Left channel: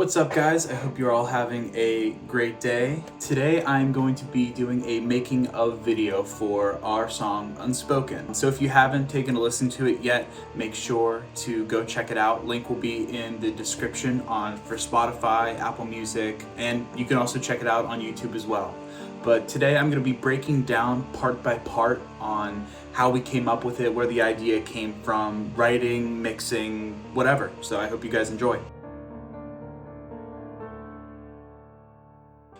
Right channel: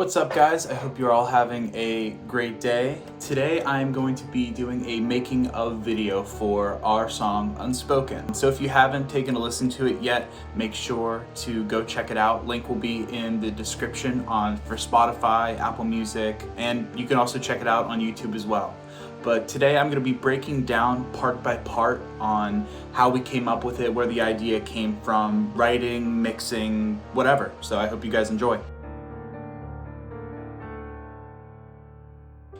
What's up, guys? I hope you're all having a great day. Today I'm going to be doing a making of video for our song Unspoken. So if you haven't taken a listen to it yet, make sure to go check it out. Link will be in the description for Spotify, Apple Music, and you can also check it out on YouTube as well. But today I'm going to be breaking down part by part on how we came up with it, where the idea came from, writing, mixing, whatever. So I hope you guys enjoy.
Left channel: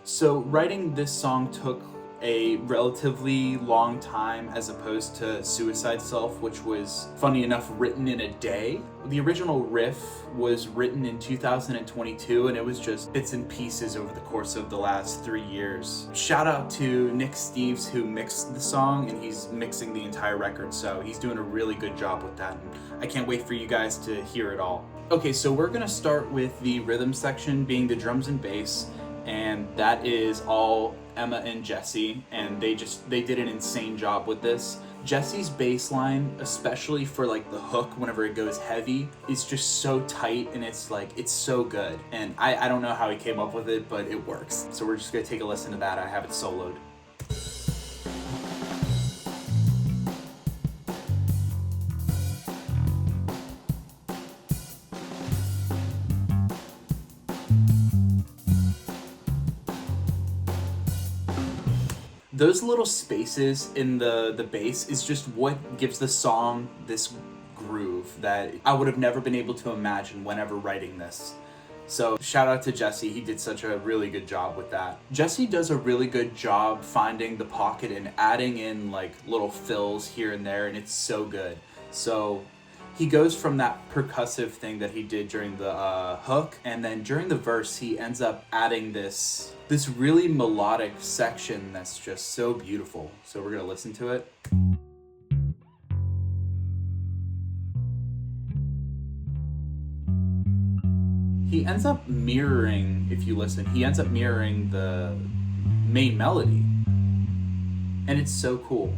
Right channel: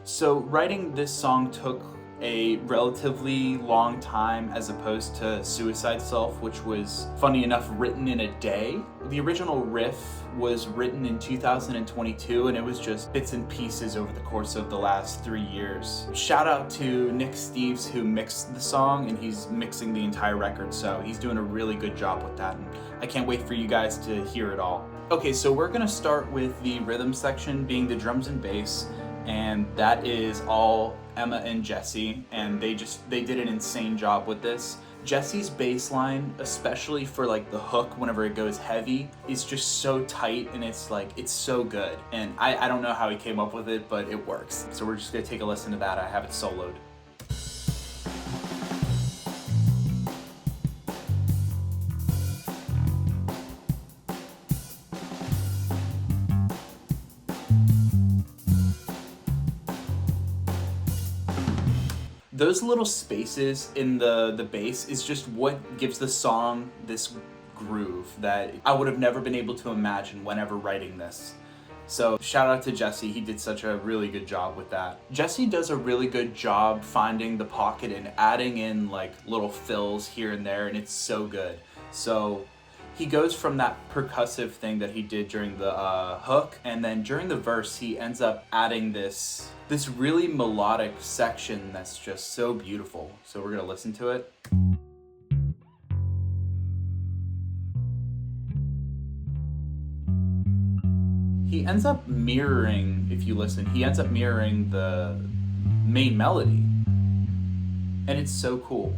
So writing this song took a relatively long time as opposed to Suicide Self, which was, funny enough, written in a day. The original riff was written in 2022 and it was just bits and pieces over the course of the last 3 years. Shout out to Nick Steves, who mixed the song, and he's mixing the entire record, so he's doing a really good job with that, and I can't wait for you guys to hear it all. Okay, so we're gonna start with the rhythm section being the drums and bass, and that is all Emma and Jesse, and they did an insane job with this. Jesse's bass line, especially for like the hook whenever it goes heavy, is just so tight, and it's so good. And I don't know how he came up with it, but it works. So we're just gonna take a listen to that. I have it soloed. Those little spaces in the bass is just what gives the song this groove that I would have never been able to imagine whenever writing this. So shout out to Jesse, he did such a really good job with that. Jesse does a really good job finding the pocket and adding in like little fills here and there, and it's so good. So he goes from that percussive thing that he did during the hook, and then during the verse he ends up adding this really melodic section that's just so beautiful. So we're gonna listen to it. He ends up mirroring, if you listen, he ends up mirroring the main melody, and it's so cool.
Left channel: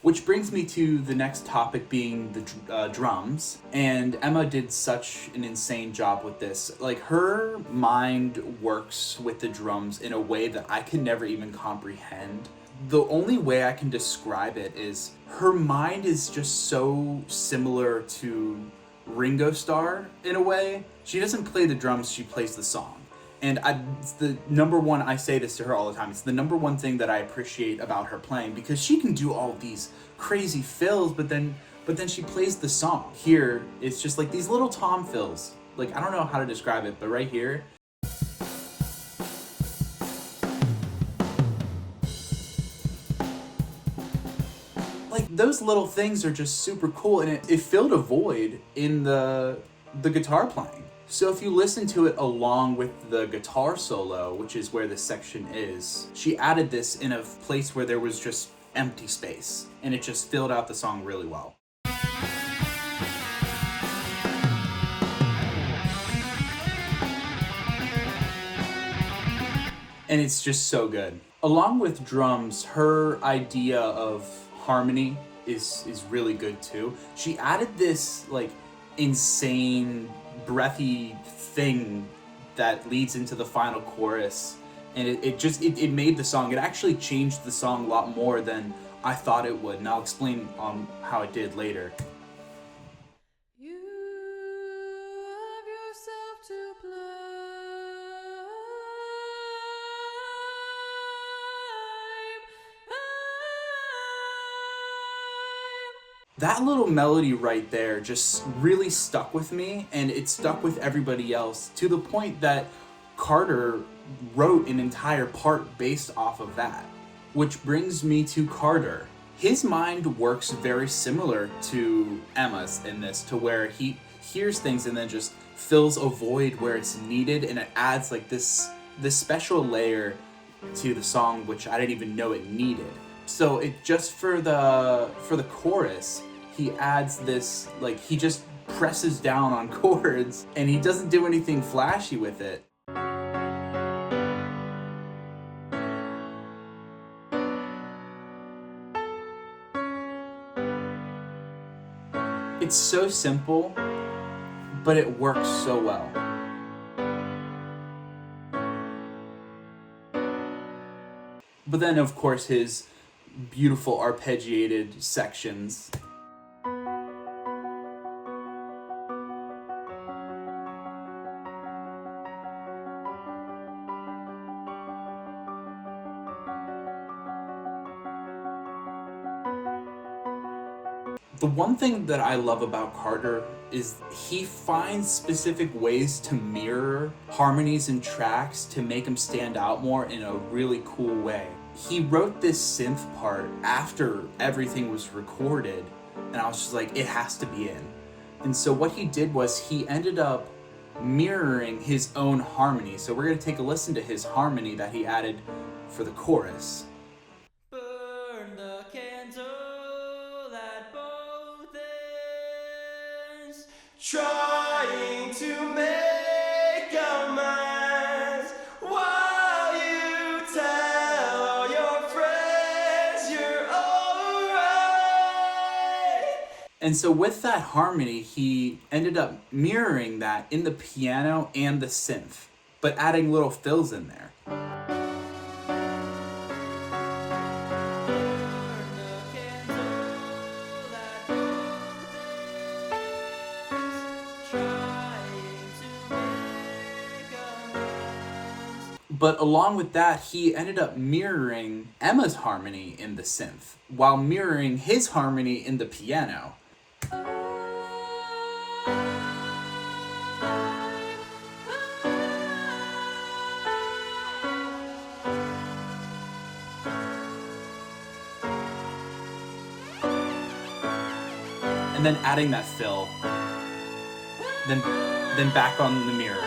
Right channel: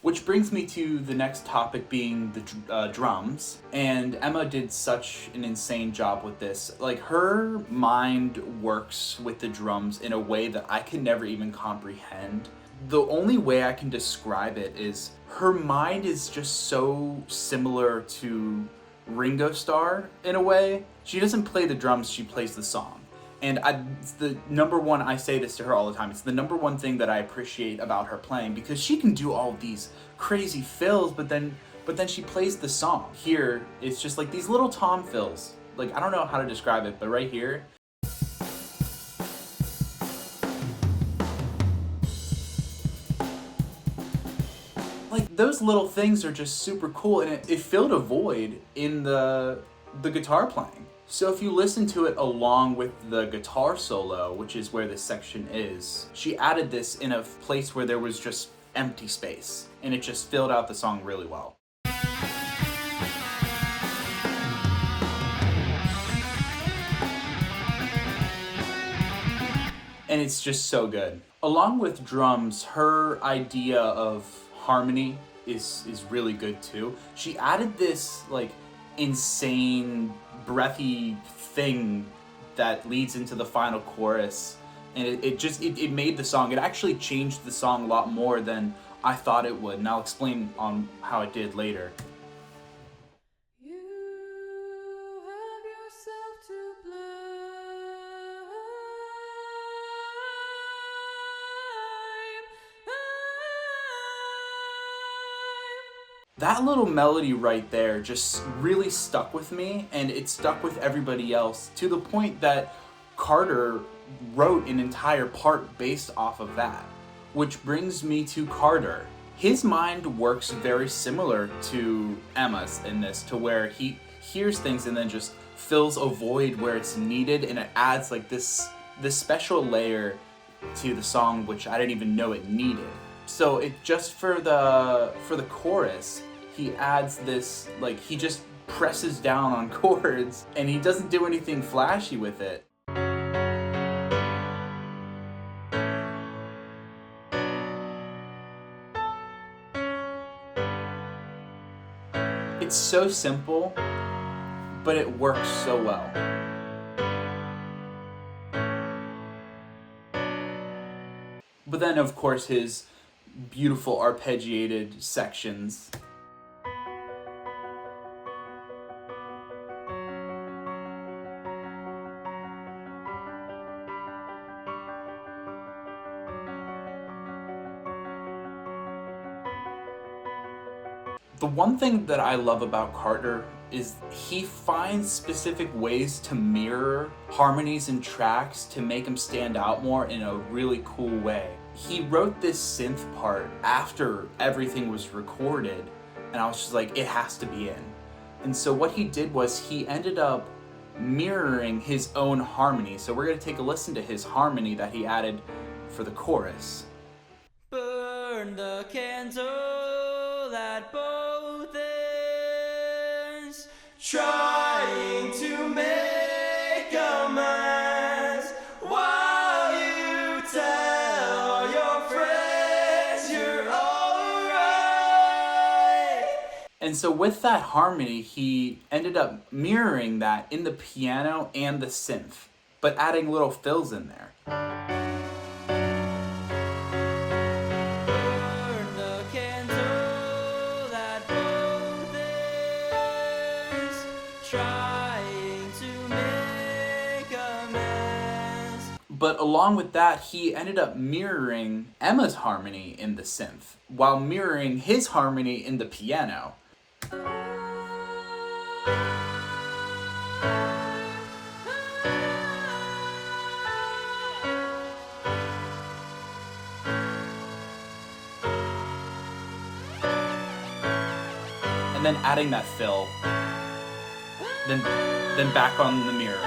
Which brings me to the next topic, being the drums. And Emma did such an insane job with this. Like, her mind works with the drums in a way that I can never even comprehend. The only way I can describe it is her mind is just so similar to Ringo Starr in a way. She doesn't play the drums, she plays the song. And it's the number one, I say this to her all the time, it's the number one thing that I appreciate about her playing, because she can do all of these crazy fills, but then she plays the song. Here, it's just like these little tom fills. Like, I don't know how to describe it, but right here, like, those little things are just super cool, and it filled a void in the guitar playing. So if you listen to it along with the guitar solo, which is where this section is, she added this in a place where there was just empty space, and it just filled out the song really well. And it's just so good. Along with drums, her idea of harmony is really good too. She added this like insane breathy thing that leads into the final chorus, and it made the song, it actually changed the song a lot more than I thought it would, and I'll explain on how it did later. You have yourself to That little melody right there just really stuck with me, and it stuck with everybody else, to the point that Carter wrote an entire part based off of that. Which brings me to Carter. His mind works very similar to Emma's in this, to where he hears things and then just fills a void where it's needed, and it adds like this special layer to the song which I didn't even know it needed. So it just for the chorus, he adds this, like, he just presses down on chords, and he doesn't do anything flashy with it. It's so simple, but it works so well. But then, of course, his beautiful arpeggiated sections. The one thing that I love about Carter is he finds specific ways to mirror harmonies and tracks to make them stand out more in a really cool way. He wrote this synth part after everything was recorded, and I was just like, it has to be in. And so what he did was he ended up mirroring his own harmony. So we're going to take a listen to his harmony that he added for the chorus. Burn the candle at both ends, trying to make amends while you tell your friends you're alright. And so with that harmony, he ended up mirroring that in the piano and the synth, but adding little fills in there. But along with that, he ended up mirroring Emma's harmony in the synth, while mirroring his harmony in the piano. And then adding that fill, then back on the mirroring.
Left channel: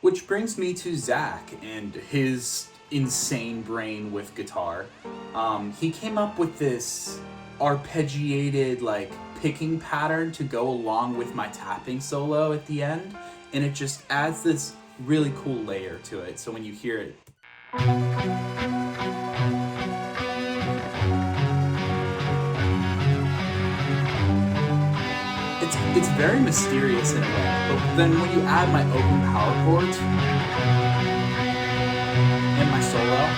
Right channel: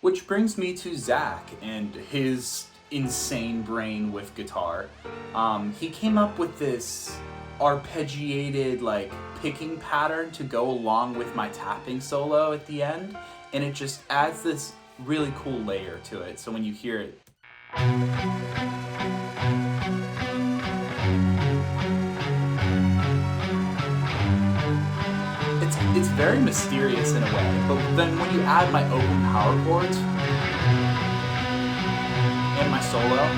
Which brings me to Zach and his insane brain with guitar. He came up with this arpeggiated like picking pattern to go along with my tapping solo at the end, and it just adds this really cool layer to it. So when you hear it, it's very mysterious in a way, but then when you add my open power chords and my solo,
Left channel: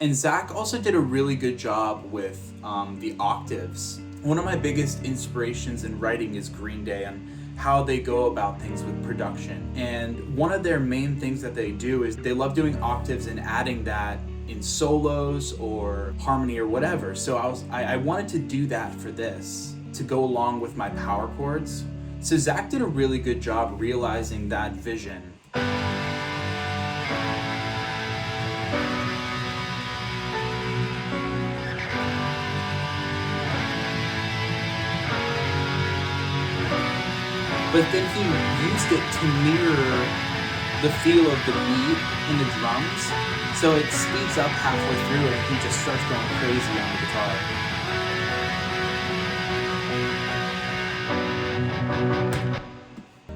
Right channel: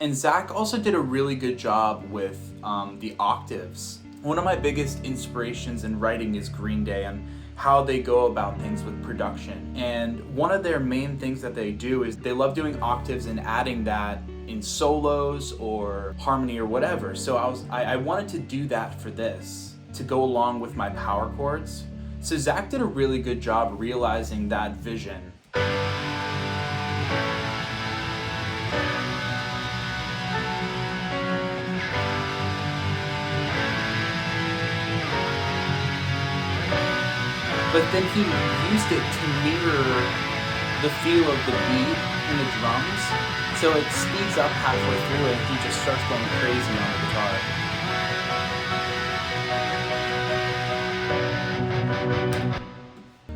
and Zach also did a really good job with the octaves. One of my biggest inspirations in writing is Green Day and how they go about things with production. And one of their main things that they do is they love doing octaves and adding that in solos or harmony or whatever. So I wanted to do that for this, to go along with my power chords. So Zach did a really good job realizing that vision. But then he used it to mirror the feel of the beat in the drums. So it speeds up halfway through it and he just starts going crazy on the guitar.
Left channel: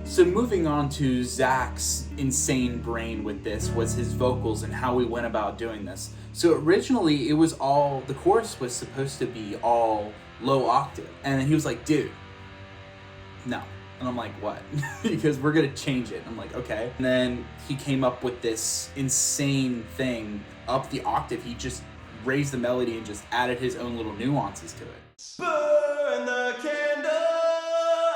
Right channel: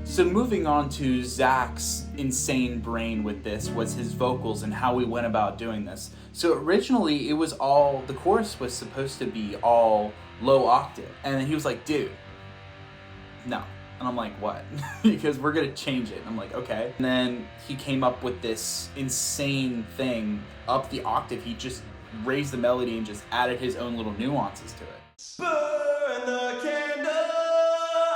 So moving on to Zach's insane brain with this was his vocals and how we went about doing this. So originally it was the chorus was supposed to be all low octave. And he was like, dude, no. And I'm like, what? Because we're gonna change it. And I'm like, okay. And then he came up with this insane thing up the octave. He just raised the melody and just added his own little nuances to it. Burn the candle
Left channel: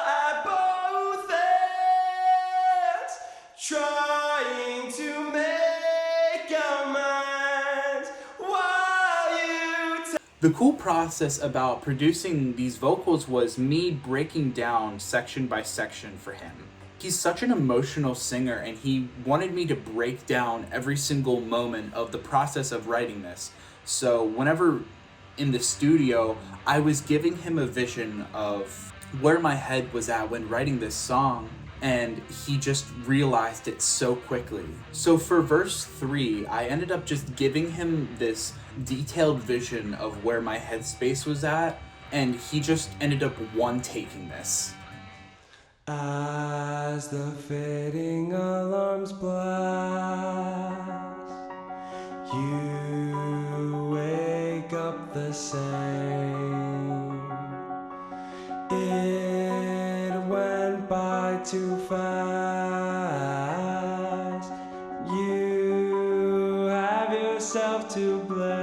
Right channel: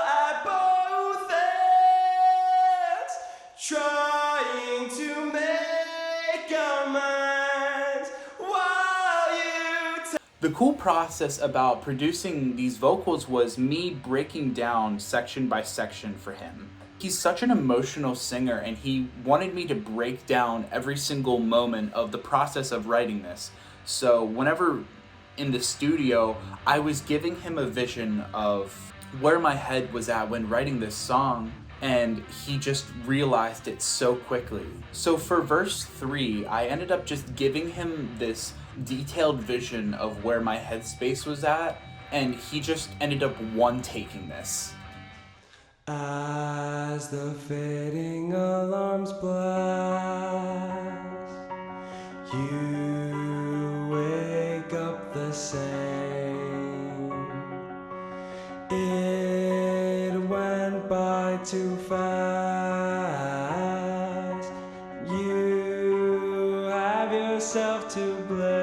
at both ends, trying to make amends while you The cool process about producing these vocals was me breaking down section by section for him. He's such an emotional singer and he wanted me to break down every single moment of the process of writing this. So whenever in the studio, I was giving him a vision of where my head was at when writing this song, and he just realized it so quickly. So for verse 3, I ended up just giving him this detailed vision of where my headspace was at, and he just ended up one-taking this. I as the fading alarms blast, you wake up the same. It went by too fast. You have yourself to blame.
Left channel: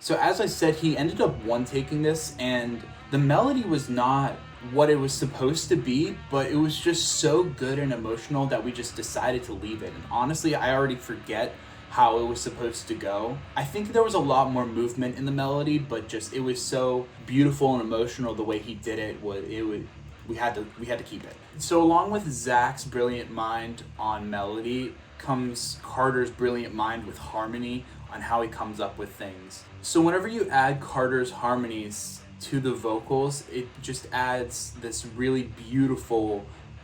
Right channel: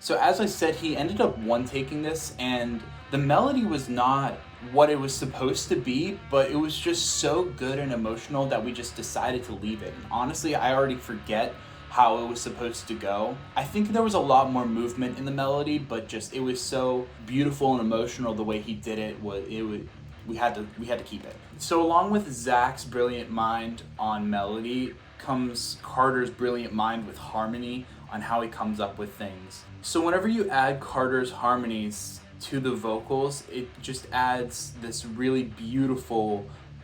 So as I said, he ended up one-taking this, and the melody was not what it was supposed to be, but it was just so good and emotional that we just decided to leave it. And honestly, I already forget how it was supposed to go. I think there was a lot more movement in the melody, but just it was so beautiful and emotional the way he did it. We had to keep it. So along with Zach's brilliant mind on melody comes Carter's brilliant mind with harmony on how he comes up with things. So whenever you add Carter's harmonies to the vocals, it just adds this really beautiful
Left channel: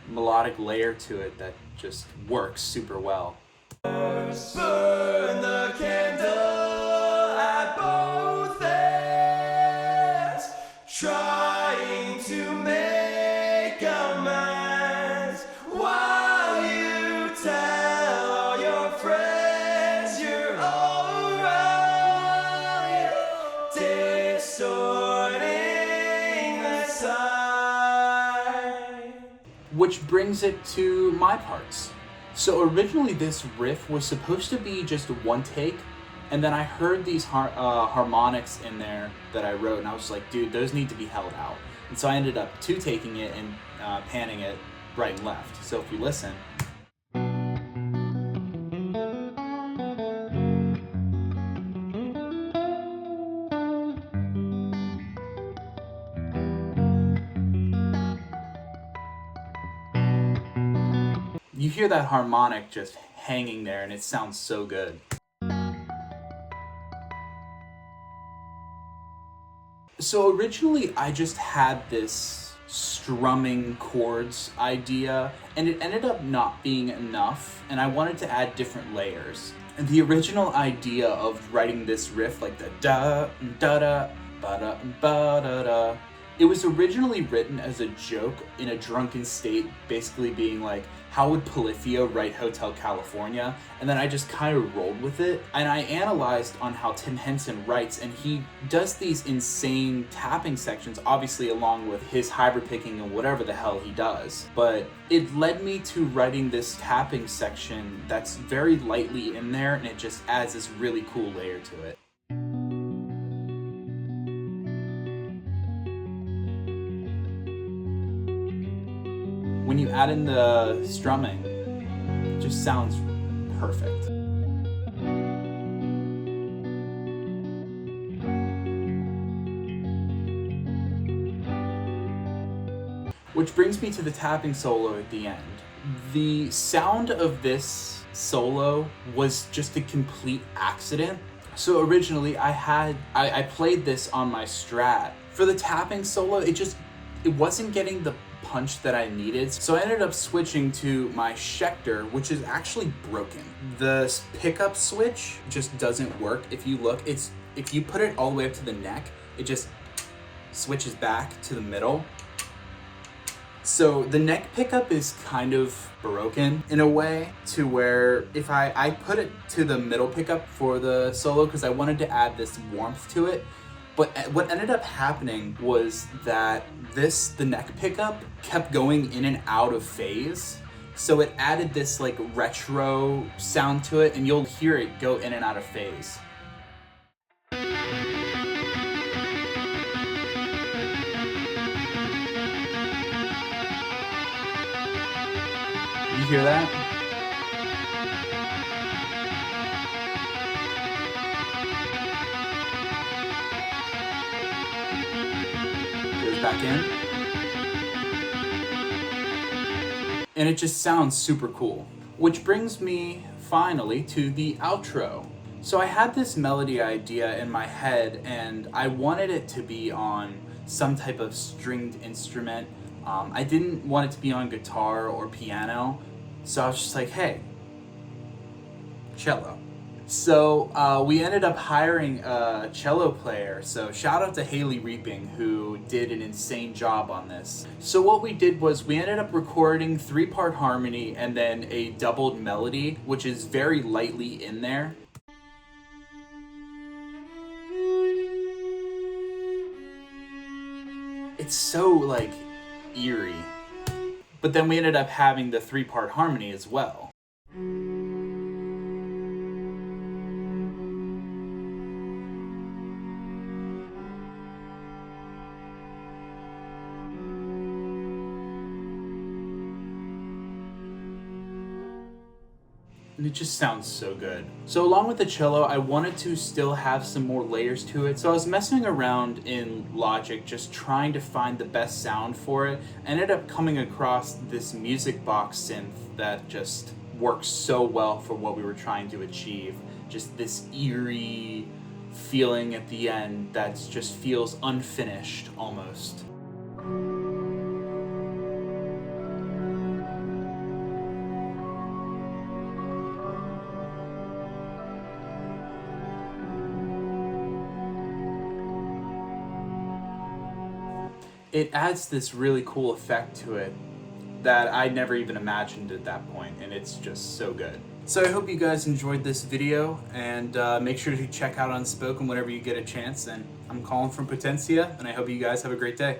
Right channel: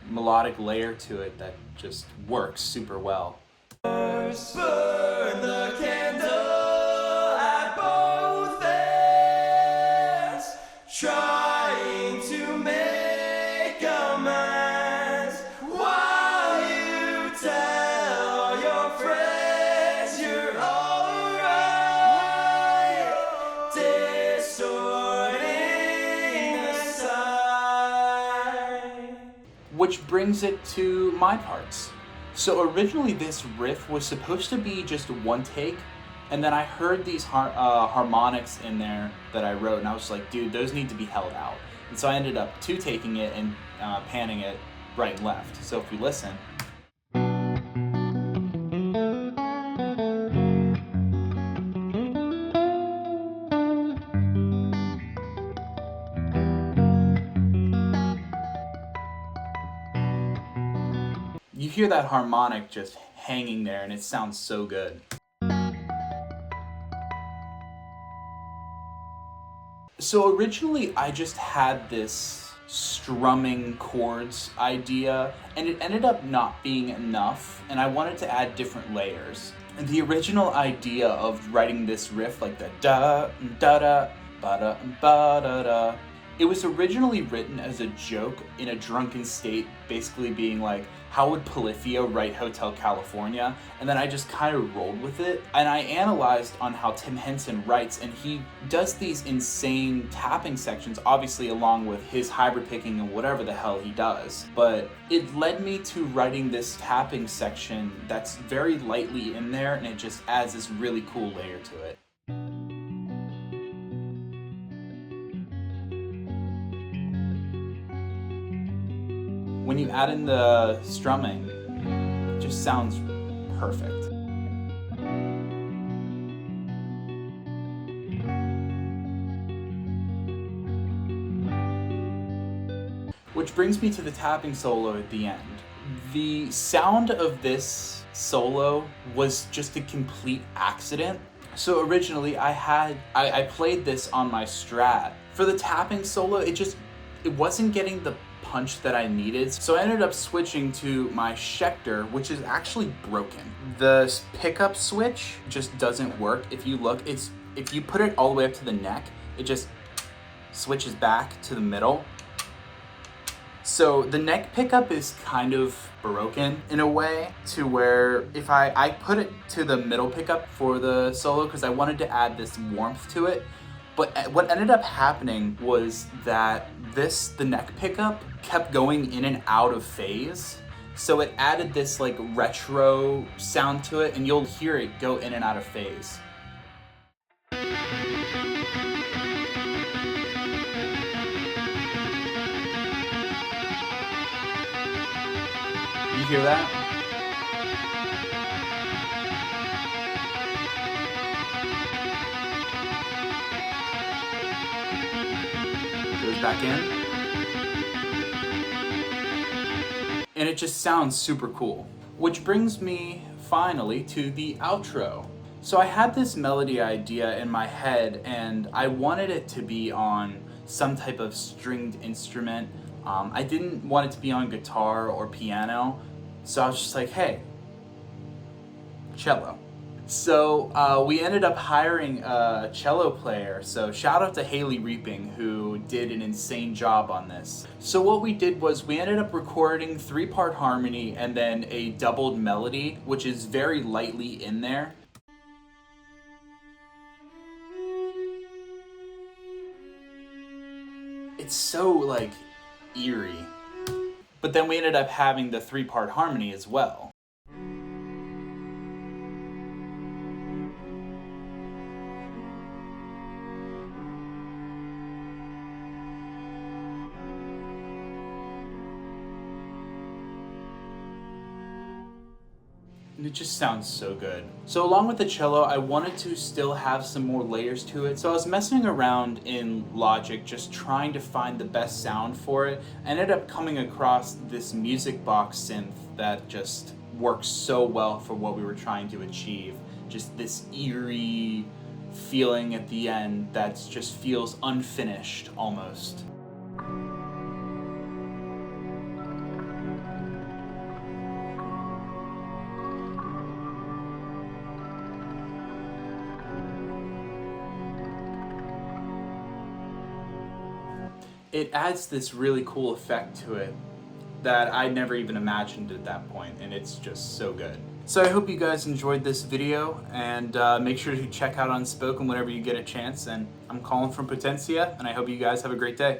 melodic layer to it that just works super well. Burn the candle at both ends, trying to make amends, while you tell all your friends you're alright, distorting the sight. Which brings it to my parts. So originally this riff was supposed to be just one take, and then I heard these harmonics in there that I wrote, and I was like, dude, those need to be held out. And so I ended up two-taking it and panning it right and left. So if we listen. You hear that harmonic just hanging there, and it sounds so good. So originally I just had this strumming chords idea, and it ended up not being enough, and I wanted to add different layers. And the original idea of writing this riff, like the da da da ba da ba da da, it was originally written as a joke in a drunken state, basically being like, how would Polyphia write Hotel California? And then I just kind of rolled with it. And I analyzed on how Tim Henson writes, and he does these insane tapping sections, obviously along with his hybrid picking and whatever the hell he does. But it led me to writing this tapping section that's very lightly in there, and it just adds this really cool layer to it. When you add in the strumming, it just sounds perfect. Which brings me to the tapping solo at the end. The sound of this solo was just a complete accident. So originally I played this on my Strat. For the tapping solo, it wasn't getting the punch that I needed, so I ended up switching to my Schecter, which is actually broken. The pickup switch just doesn't work. If you look, if you put it all the way up to the neck, it just switches back to the middle. So the neck pickup is kind of broken in a way, to where if I put it to the middle pickup for the solo because I wanted to add this warmth to it. But what ended up happening was that the neck pickup kept going in and out of phase. So it added this like retro sound to it, and you'll hear it go in and out of phase. You hear that? Back in, and it just sounds super cool. Which brings me finally to the outro. So I had this melody idea in my head, and I wanted it to be on some type of stringed instrument. I didn't want it to be on guitar or piano, so I was just like, hey, cello. So we ended up hiring a cello player. So shout out to Haley Reaping, who did an insane job on this. So what we did was we ended up recording 3-part harmony and then a doubled melody, which is very lightly in there. It's so like eerie. But then we ended up having the 3-part harmony as well. And it just sounds so good. So along with the cello, I wanted to still have some more layers to it. So I was messing around in Logic, just trying to find the best sound for it. I ended up coming across this music box synth that just works so well for what we were trying to achieve. Just this eerie feeling at the end that just feels unfinished almost. It adds this really cool effect to it that I never even imagined at that point, and it's just so good. So I hope you guys enjoyed this video, and make sure to check out Unspoken whenever you get a chance. And I'm calling from Potentia, and I hope you guys have a great day.